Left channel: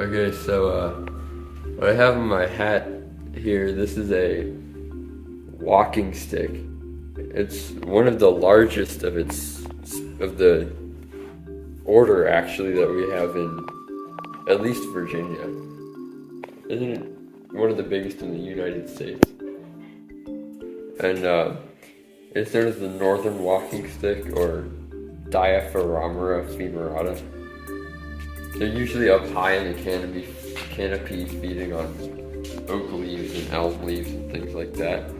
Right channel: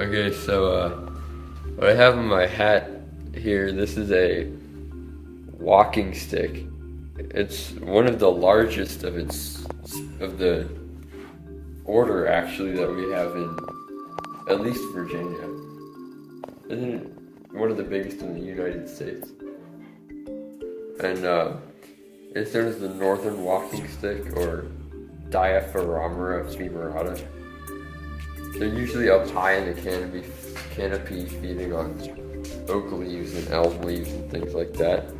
Okay, so what I have in my hat here, this is a walking stick. It's one of the largest of the order actually that we have in at least Virginia. Isn't it one of the biggest in the United States? And it's known as the Northern Walking Stick or Diaphoramera femorata. They're usually up high in the canopy feeding on oak leaves and elm leaves and things like that.